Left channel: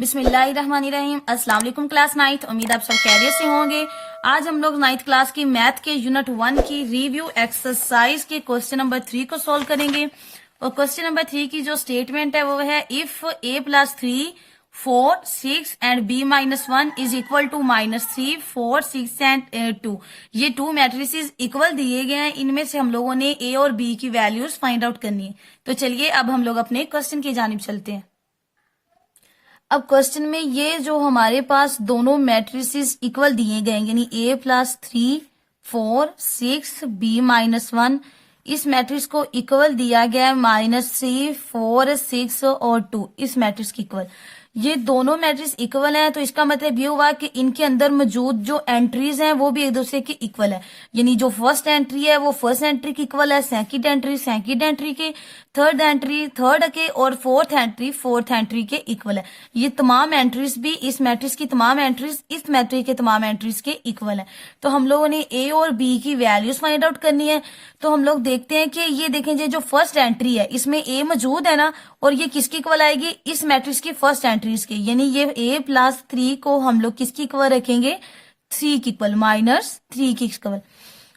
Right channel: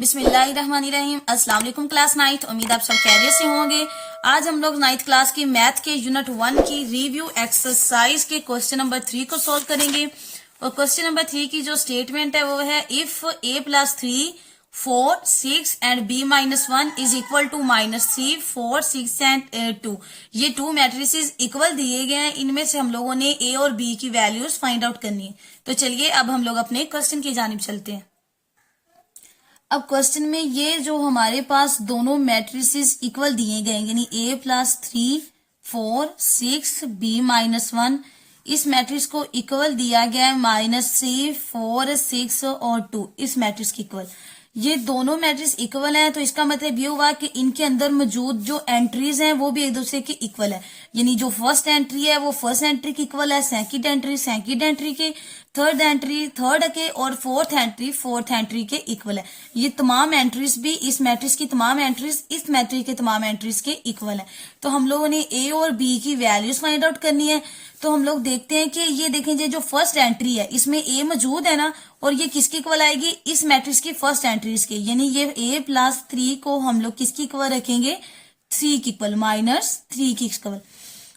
बिस्मिल्लाहिर्रहमानिर्रहीम। अस्सलाम वालेकुम क्लास 9। उम्मीद आप सब खैरियत से होंगे। आज हम लोग 9th क्लास की मैथ के यूनिट 1 की रिव्यू एक्सरसाइज के क्वेश्चन नंबर 3 को सॉल्व करेंगे। और क्वेश्चन नंबर 3 की जो स्टेटमेंट है वो है if a + 3 4 6 and b - 1 is equal to -3 4 6 and 2। ये 2 मैट्रिसेस इक्वल दिए गए हैं। इनमें से हम लोगों ने a और b की वैल्यूज फाइंड आउट करनी है। तो चलिए अब हम लोग अपने क्वेश्चन की जानिब चलते हैं। अब क्वेश्चन में ये जो हमारे पास दोनों मैट्रिसेस इक्वल दिए गए यानी a + 3 4 6 b - 1 इस मैट्रिक्स को इक्वल दिया गया है -3 4 6 और 2 इस मैट्रिक्स की इक्वल। ये दोनों मैट्रिक्स इक्वल हैं तो इसका मतलब ये हुआ कि इनके अंदर मौजूद जो एंट्रीज हैं वो भी एक दूसरे की इक्वल है। यानी जो फर्स्ट एंट्री है वो फर्स्ट एंट्री की इक्वल है, सेकंड एंट्री के, थर्ड एंट्री थर्ड के और फोर्थ एंट्री के इक्वल है। ये तमाम एंट्रीज भी इस मैट्रिक्स की तमाम एंट्रीज इस मैट्रिक्स के तमाम एंट्रीज के इक्वल है। तो हम लोगों ने ए और बी की वैल्यूज फाइंड आउट करनी है। तो हम लोग देखते हैं कि ये देखें जो फर्स्ट एंट्री है इसमें ए मौजूद है ना, और ये किसकी इक्वल आएगी, इस मैट्रिक्स की फर्स्ट एंट्रीज की। यानी ये a + 3 को हम लोग किसकी इक्वल रखेंगे, 3 की इक्वल, -3 की इक्वल।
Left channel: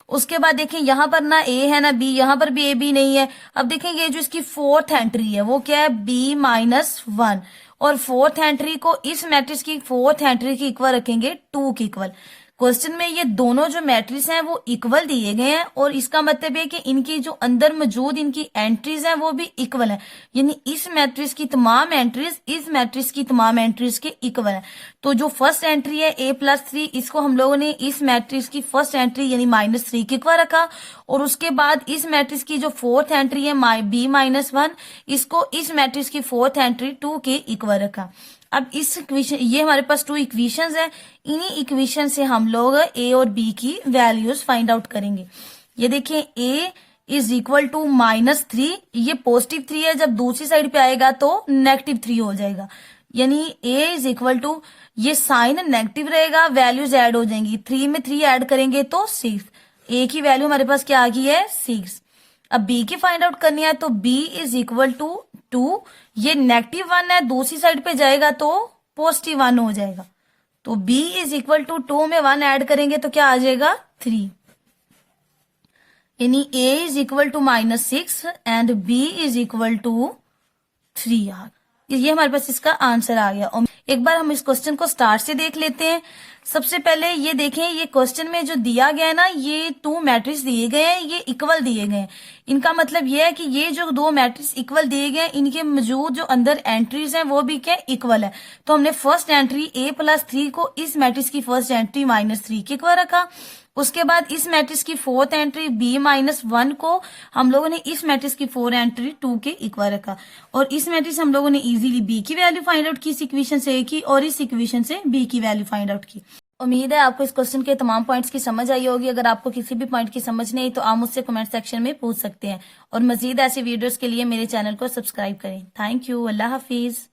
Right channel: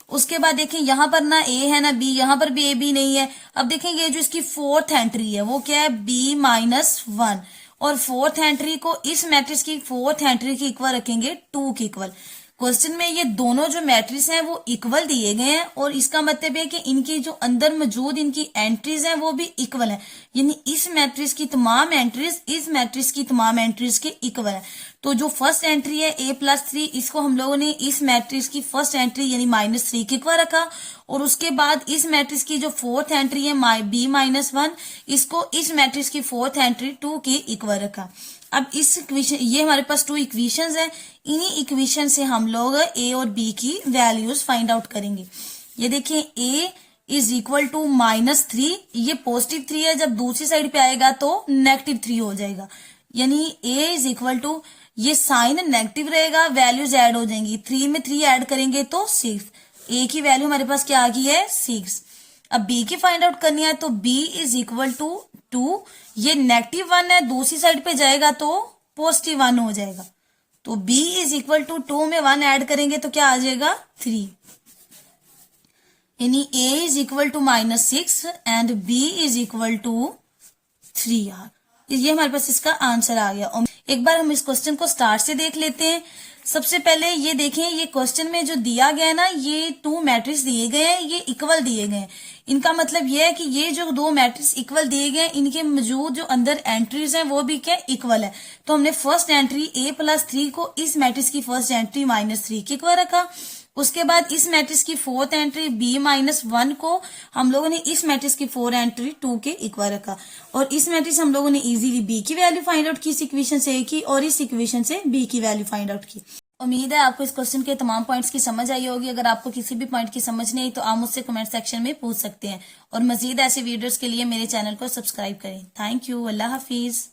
उसके बाद देखें यहाँ पर ना a है ना b, यहाँ पर भी a b नहीं है। अब देखेंगे जो इसकी फोर्थ एंट्री है वो क्या है, b - 1, और फोर्थ एंट्री को इस मैट्रिक्स की फोर्थ एंट्री की इक्वल रखेंगे 2 की इक्वल। क्वेश्चन में ये दोनों जो मैट्रिक्स हैं वो इक्वल दिए गए हैं और इसका मतलब है कि इनकी जो अंदर मौजूद इनकी एंट्रीज हैं वो भी इक्वल है। यानी इस मैट्रिक्स की तमाम एंट्रीज इस मैट्रिक्स की तमाम एंट्रीज के इक्वल है। तो जो फर्स्ट एंट्री है a + 3 इसको हम लोगों ने इस मैट्रिक्स की फर्स्ट एंट्री यानी -3 की इक्वल रखा, और उसके बाद इस मैट्रिक्स की जो फोर्थ एंट्री है b - 1 इसको इस मैट्रिक्स की फोर्थ एंट्री 2 की इक्वल रखा। अब इस इक्वेशन, ये हमारे पास 2 इक्वेशंस हैं। इन्हीं इक्वेशन से हम लोग a और b की वैल्यूज फाइंड आउट करेंगे। ये देखिए a = -3, ये पॉजिटिव 3 है, जब दूसरी साइड पे आएगा तो -3 हो जाएगा। यानी a = ये साइन नेगेटिव रहेगा, वैल्यूज ऐड हो जाएंगी, 3 में 3 ऐड करेंगे तो 6। a की वैल्यू हमारे पास क्या आ गई है, 6। अब b की फाइंड आउट करनी है तो b = 2, ये -1 है, दूसरी साइड पे जाएगा तो +1 हो जाएगा। तो b = 2 में 1 ऐड करेंगे तो क्या आ जाएगा, 3। यानी a = -6 एंड b = 3। ये हमारे पास इसका आंसर आ गया। एक बार हम इस क्वेश्चन को स्टार्ट से देख लेते हैं। सबसे पहले ये देखें, ये क्वेश्चन में जो दिया गया है ना, ये 2 मैट्रिक्स दिए गए हैं, ये इक्वल दिए गए हैं। इनका मतलब ये है कि ये जो 2 मैट्रिक्स इक्वल दिए गए हैं इनके मौजूद जो अंदर एंट्रीज हैं वो भी क्या इक्वल है। तो हमने फर्स्ट एंट्री a + 3 को इस मैट्रिक्स की फर्स्ट एंट्री -3 की इक्वल रखा। उसके बाद इस मैट्रिक्स की फोर्थ एंट्री b - 1 को हम लोगों ने इस मैट्रिक्स की फोर्थ एंट्री 2 के इक्वल रखा, और इस मैट्रिक्स हम लोगों ने इजीली b की वैल्यू फाइंड आउट की इस इक्वेशन से a की, और इस इक्वेशन से b की वैल्यू फाइंड आउट की। उम्मीद है आपको इस क्वेश्चन के तमाम पॉइंट्स की समझ आई होगी। अगर आपको किसी भी पॉइंट की समझ नहीं आई तो आप मुझसे कमेंट सेक्शन में पूछ सकते हैं, और मजीद ऐसे वीडियोस के लिए मेरे चैनल को सब्सक्राइब करें। Thank you. Allah Hafiz.